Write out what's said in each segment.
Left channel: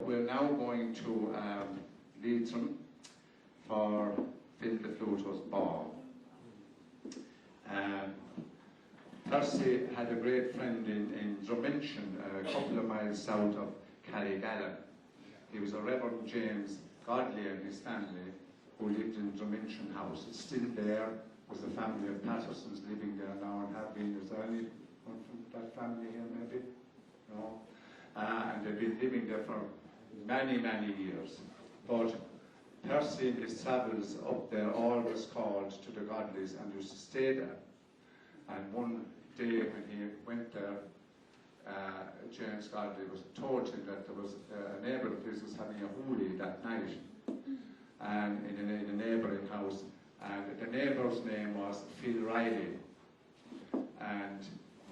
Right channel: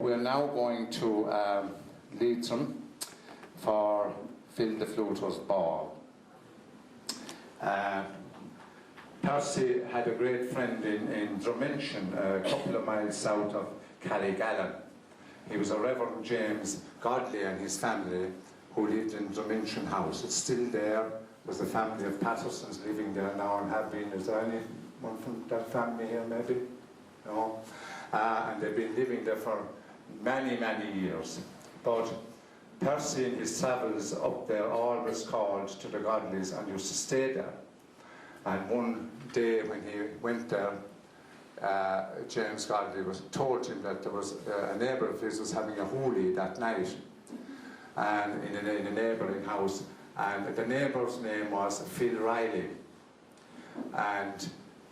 We're now going to Leitrim for Phil the Fluters Ball. Percy had a great friend in Drummenshin, a couple of miles south of Calligallen. He was a Reverend James Godley and his family who lived in Drummenshin House. It's still there. There's a family of Pattersons living there now and have been. Is there anyone from that family here maybe? No? And they've been living there for many, many years. But Percy in his travels up there always called to the Godleys and used to stay there. And one day when he went there, James Godley told him that there was a neighbour of his was having a holy that night, and in a neighbouring house, and the neighbour's name was Phil Riley. And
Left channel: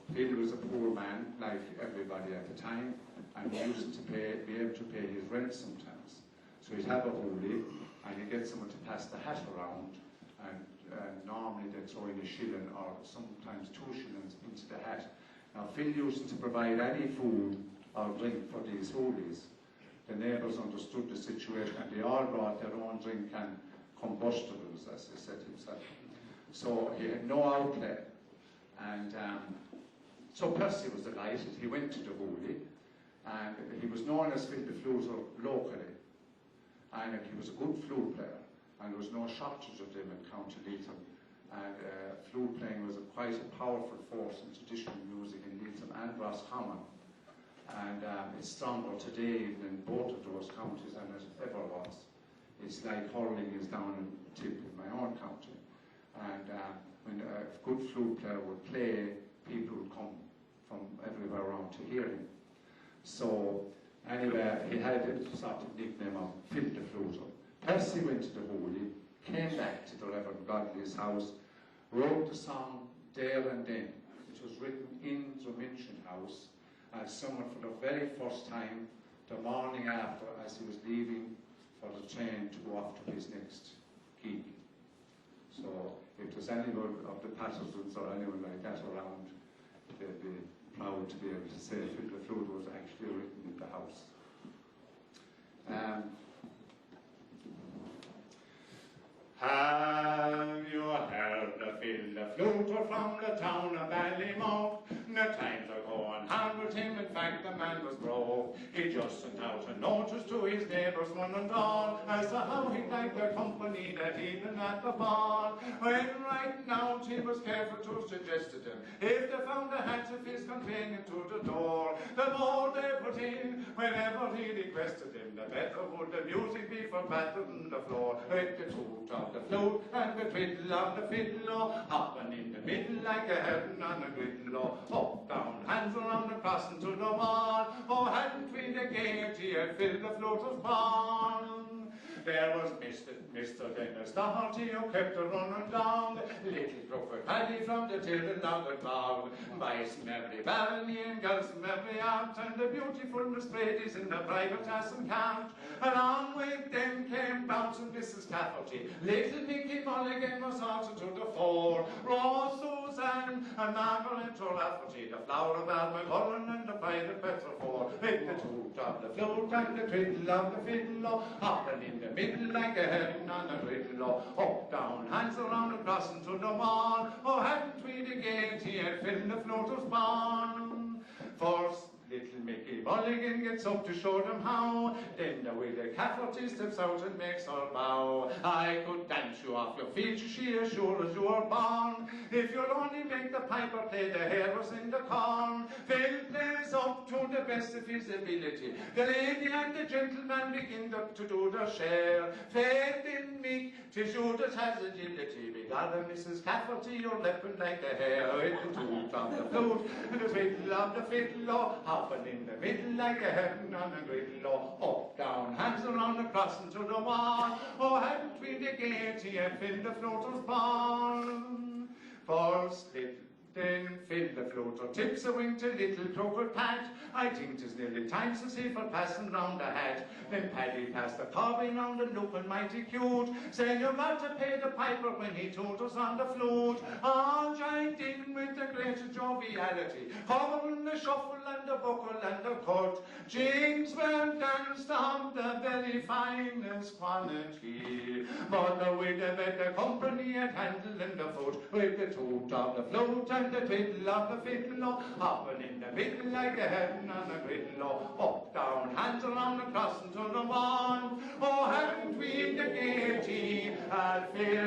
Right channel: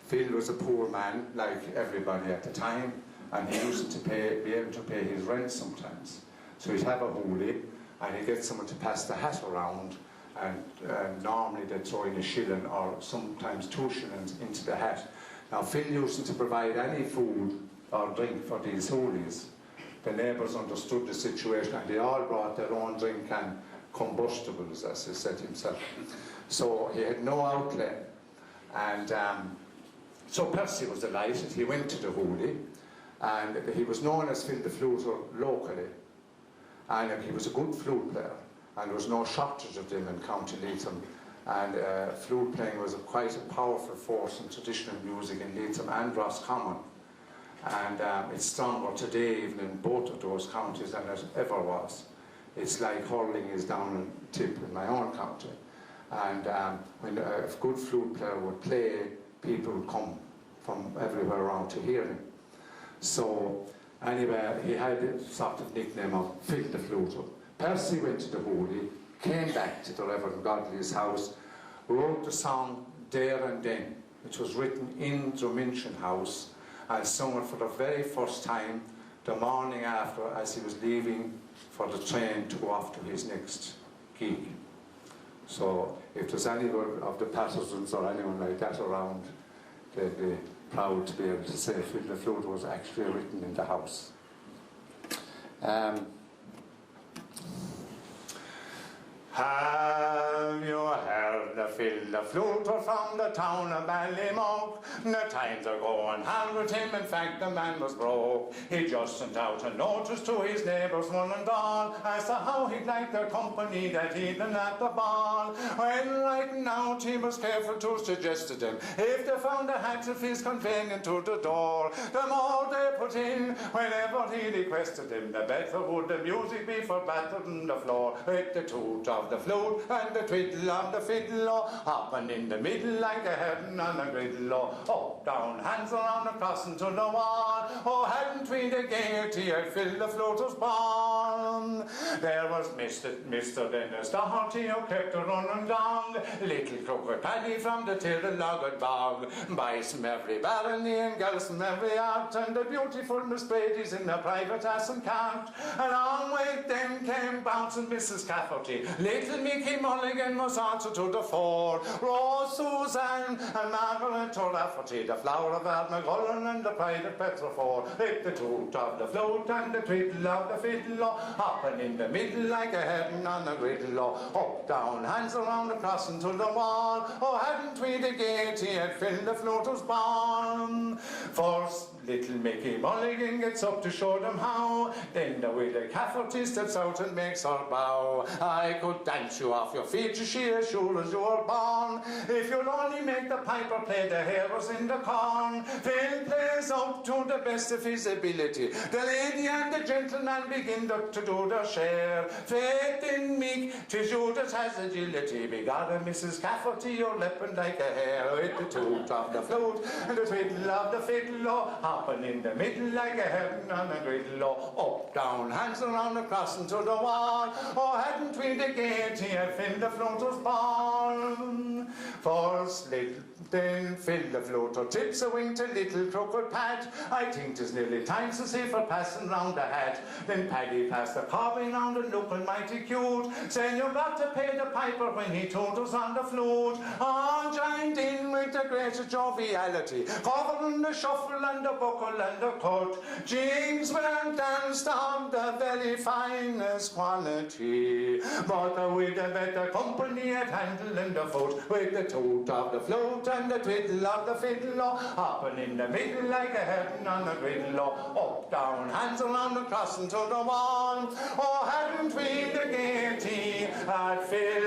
Phil was a poor man, like everybody at the time, and he used to be able to pay his rent sometimes. So he'd have a holy, and he'd get someone to pass the hat around, and normally they'd throw in a shilling or sometimes 2 shillings into the hat. Now Phil used to provide any food or drink for these holies. The neighbours understood the situation and they all brought their own drink and combustibles, as he said himself. So he had no outlet, and so Percy was delighted. He went to the holy, and he was known as Phil the Fluter locally, and he was a good flute player. And there was no shortage of them in County Leitrim. And flute playing was quite a powerful force in traditional music in Leitrim and Roscommon. And it's stronger today even in both of those counties than it ever was. It's like hurling is down in tip in my own county. And when a good flute player would play, people would come from everywhere around to hear him. So anyway, he had a sort of nickname of Phil the Fluter. Percy went to the holy, came back to the Reverend Godley's house, wrote the song There and Then, which was written in Drummenshin House, and sung it for the very first time the morning after as he was leaving for the train to go off to his next gig. So if there's anyone of the Pattersons or anyone like that around, they'd be proud to be able to say Phil the Fluter was actually written in the house. Have you heard the Phil the Fluter from the town of Ballymoke? The times are going hard with him, in fact the man was broke. He just sent out a notice to his neighbours one and all, as to how he'd like their company that evening at the ball. When writing out he was careful to suggest to them, if they found a hat of his conveying to the door, the more they put in, whenever he requested them, the better would the music be for battered on the floor, with the toot of the flute and the twiddle of the fiddle, hopping in the middle like a heaven on a griddle, up, down, hands around and crossing to the wall. Oh, hadn't we the gaiety of Phil the Fluter's ball? There was Mr. Dennis Doherty who kept a running down, little crooked Penny from the Tirralogged bog, boys from every barony and girls from every art, and the beautiful Miss Brady's in the private ass and cart. And on with them came bouncing Mrs. Cafferty, little Mickey Mulligan was answer to the fore, Rose Susan and Margaret O'Rafferty, the flower of Almagullen and the pride of Petrofore, with the toot of the flute and the twiddle of the fiddle, hopping in the middle like a heaven on a griddle, up, down, hands around the crossing to the wall. Oh, hadn't we the gaiety at Phil the Fluter's ball? First little Mickey Mulligan gets up to show them how, then the widow Cafferty steps out and makes her bow. I could dance you off your feet, she as sure as you were born, if you'll only make the piper play the hares in the corn. Phil plays up to the best of his ability, the lady and the gentleman begin to do their share. Faith in me, 'tis you that has agility, begotten Mrs. Cafferty, you're leaping like a hare, with the toot of the flute and the twiddle of the fiddle, hopping in the middle like a heaven on a griddle, up, down, hands around and crossing to the wall. Oh, hadn't we the gaiety at Phil the Fluter's ball? First little then fill the floater, tips a wing to little crooked Pat. I think 'tis nearly time to see for passing round the hat. Then Paddy passed the cobbin round and looking mighty cute, saying you got to pay the piper when he told us on the flute. All joined in with the greatest joviality, covering the shuffle and the buckle and the cut. Jigs were danced of the very finest quality, but with the better company at handle and the foot, with the toot of the float and the twiddle of the fiddle, hopping in the middle like the heading on the griddle, up, down, hands around the crossing to the wall. Oh, hadn't we the gaiety at Phil